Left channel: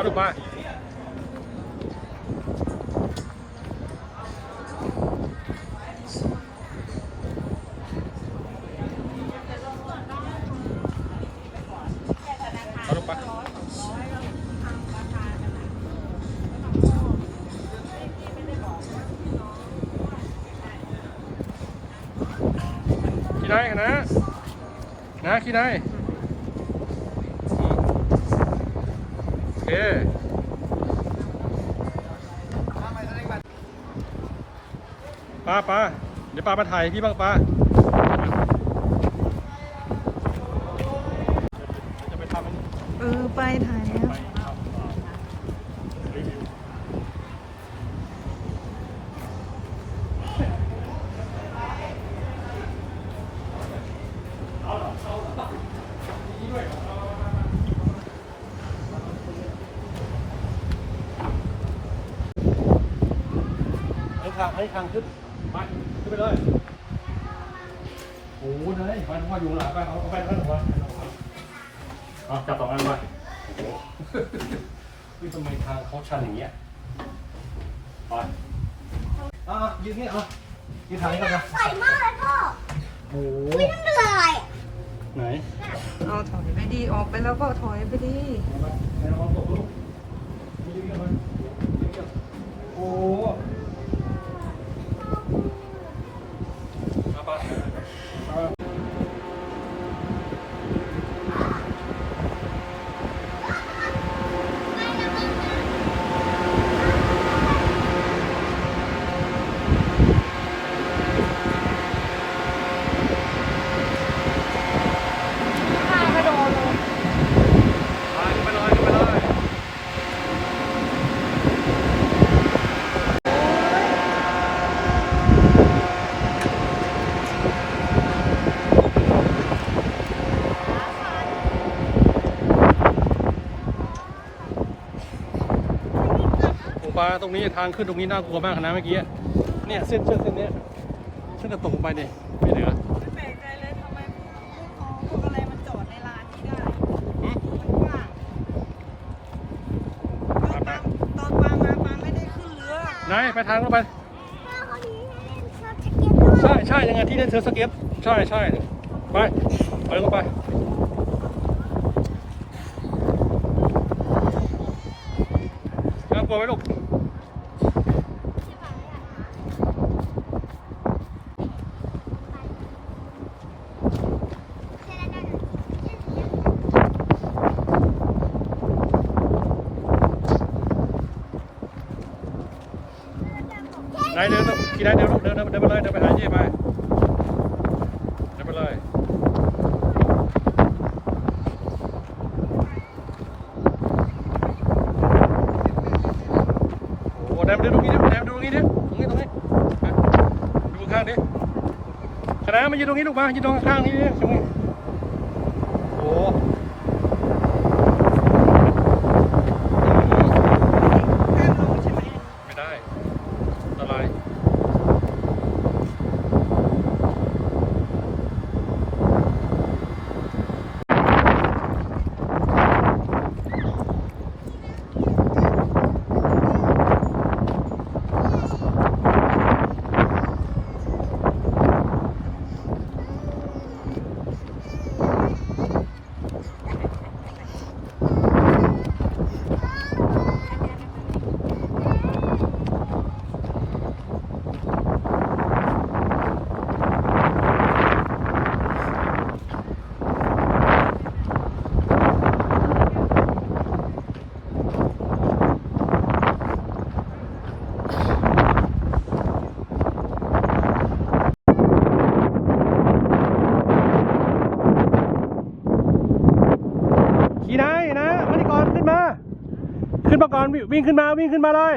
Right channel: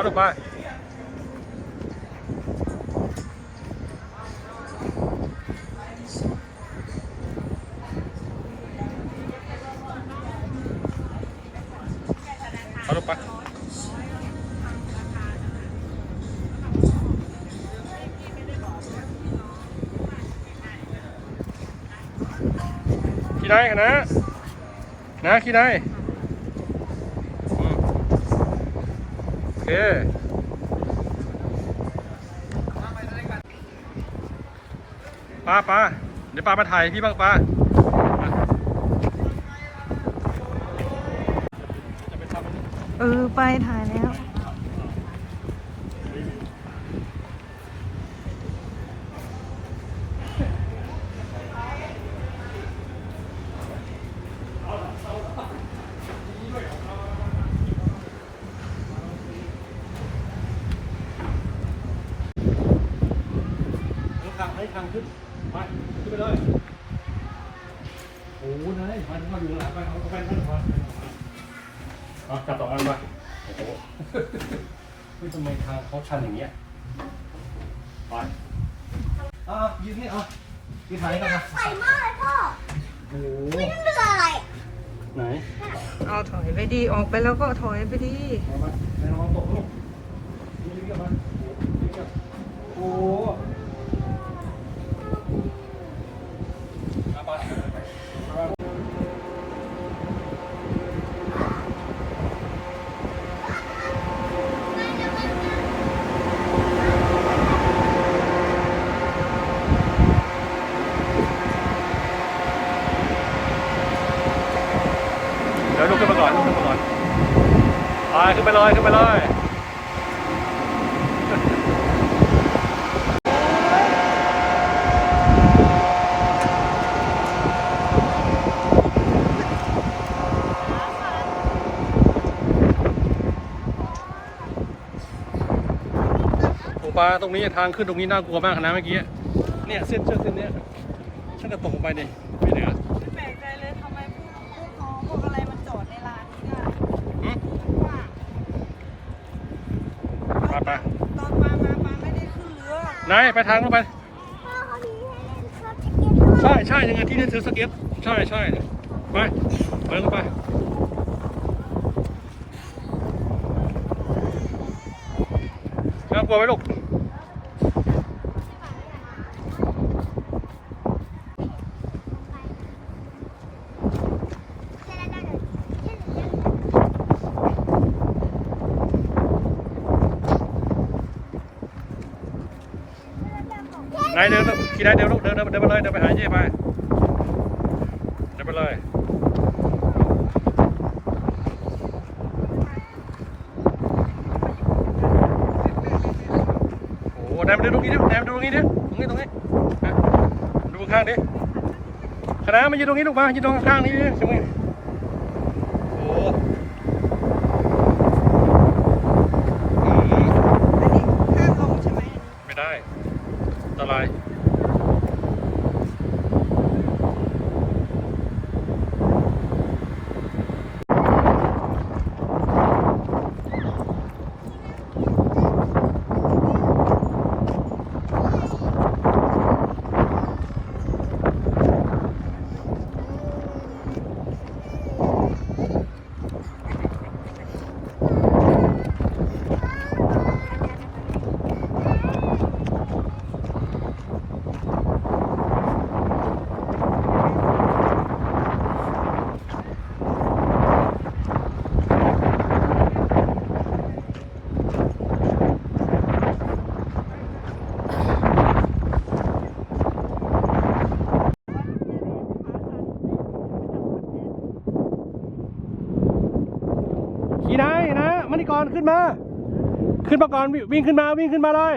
เอาลูกไปเอาลูกไปขี้ได้ขนาดนะขี้ได้โอเคป้าเดี๋ยวป้ามาถ่ายพี่บ้างป้าไปถ่ายแล้วให้ทางขึ้นไปขึ้นไปเลยโอ้โหนายมาอยู่หลังไปเอาแฟนขึ้นมาเอาจับสองอันมาโอ้โหนี่ทำไมทางเขาชันอย่างเงี้ยไปยืนนี่ยืนทางนี้กันนะใส่มากเลยพ่อโอ้โห ไม่เหนื่อยไหนเอาถอยไปดีออกไปแล้วก็ถอยไปดีโอ้ขึ้นไปเลยปลาตรงนี้ทางขึ้นตรงนี้น่ากลัวมากนะเมื่อกี้เนี่ยเส้นนี้ถ้าจะตกลงไปเนี่ยไม่เหลือไม่แปลกใจเลยทำไมพวกอะไรมันจอดในร้านนี้ได้ตอนปลามาปลาไม่ได้ขึ้นเรือไหนไปทางลงไปใช่ยังไงที่เล่นเซิร์ฟสเก็ตใช่ไปลงไปน่ากลัวไหมลูกนายเดินขี่ได้เดินลูกเดินไปเลยเดินไปหาเย่ไปเดินไปเลยโอ้นายมาดูตรงนี้ดินายมาดูตรงนี้ดิตรงนี้ดูข้างดิคณะมายืนตรงนี้ลูกมายืนตรงข้างนี้ดิตรงนี้โอ้ไม่ได้อันตรายขี่นายนะมาที่ก่อนขึ้นมาก่อนวิ่งขึ้นมาเลย